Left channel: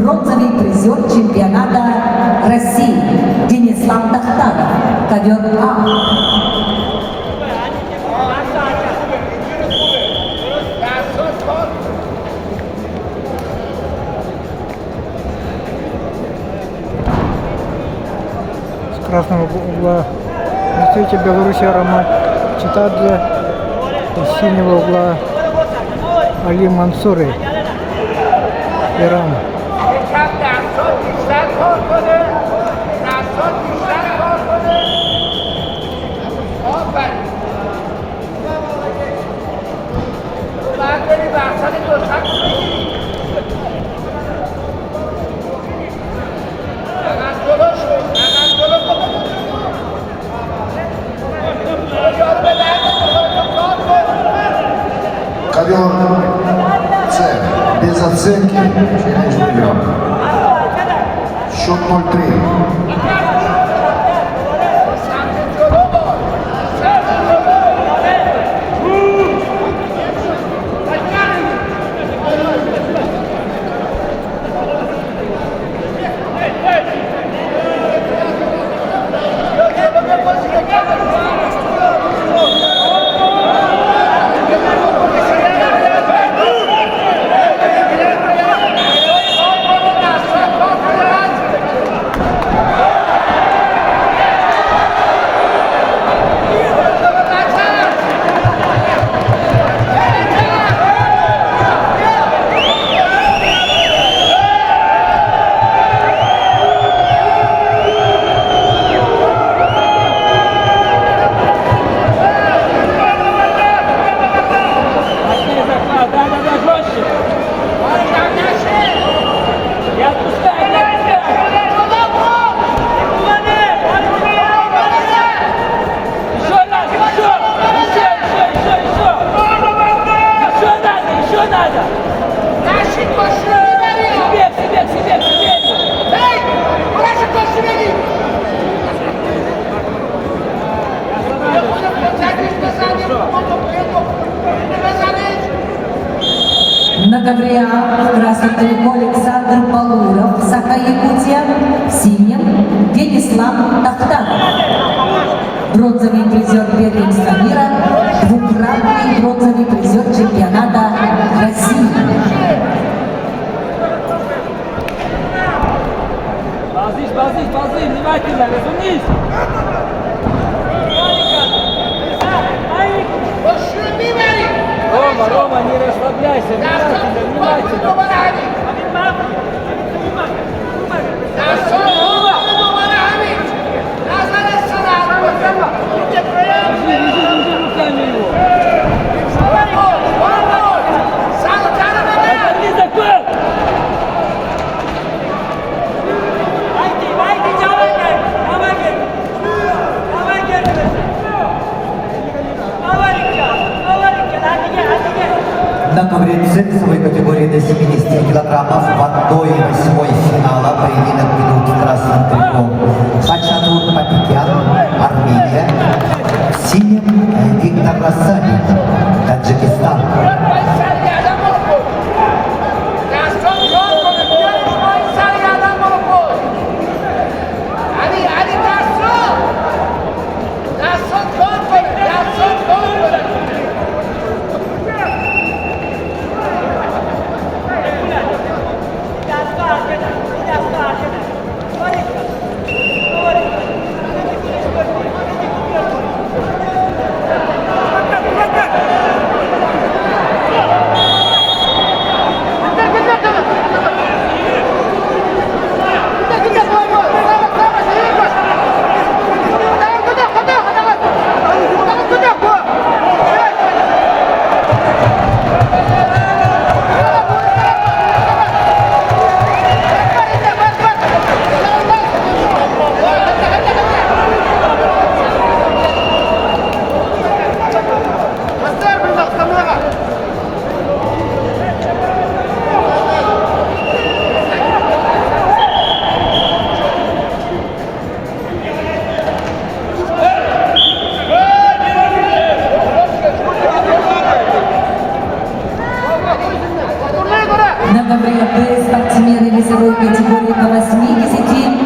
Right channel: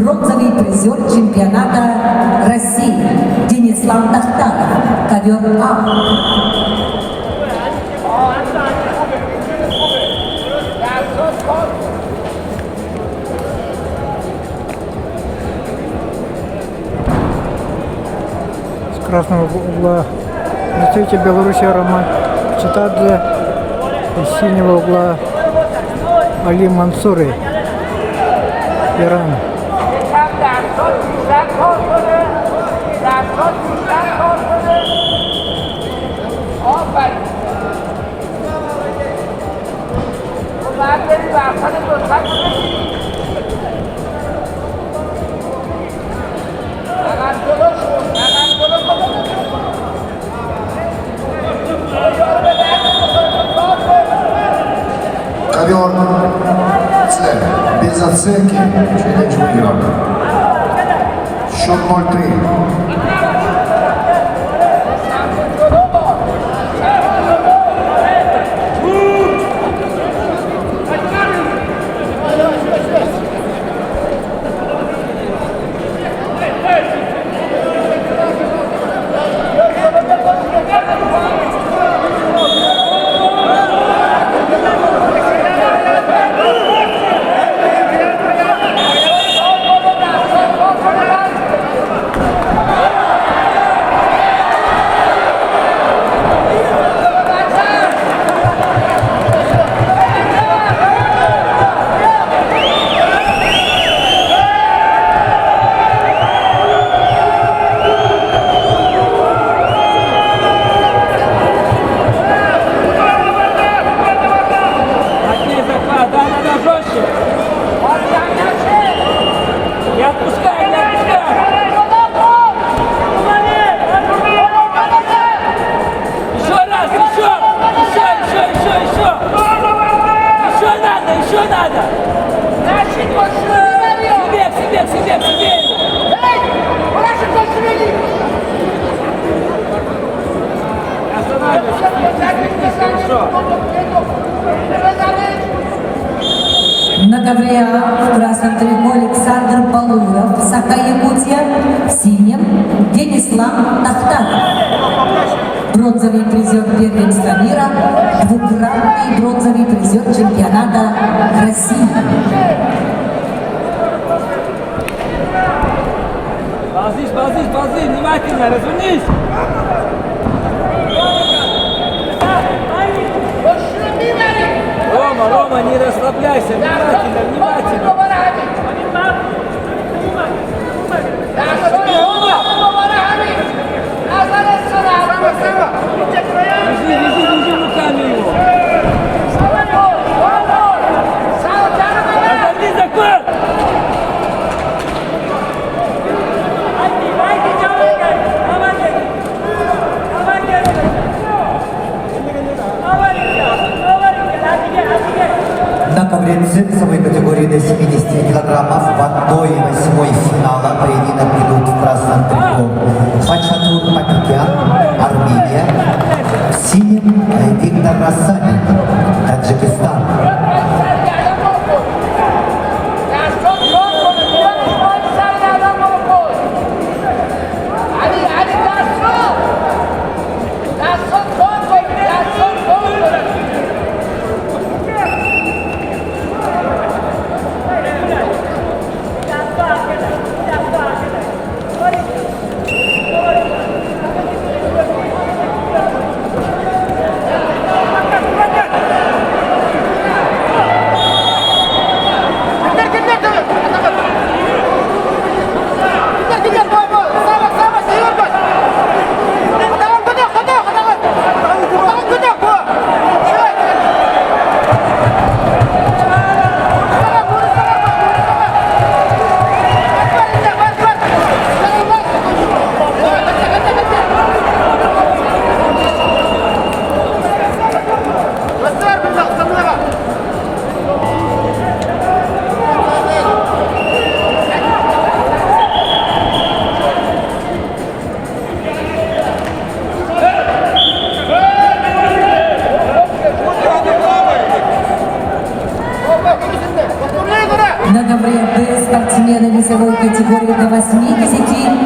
Бронзовый призер чемпионата России Денислав Тахтаров, ковер А. Красного угла представитель Беларуси Роман Читадзе, из синего угла Али Мансури, Иран. Ковер С. Без оценки. Счет 0-3. На ковре А в красном трико Александр Балуров, Саха-Якутия, в синем Денислав Тахтаров. Бронзовый призер первенства мира, двукратный бронзовый призер чемпионата России. Внимательно, разумеешь? Рома, не расслабляйся, внимательно. Лежи руками его. На ковре весовой категории до 70 килограммов в 1/8 финала поединок идут в красном трико Хачатур Пакикян, Армения, в синем Виктор Рассадин, Таджикистан. весовой категории до 80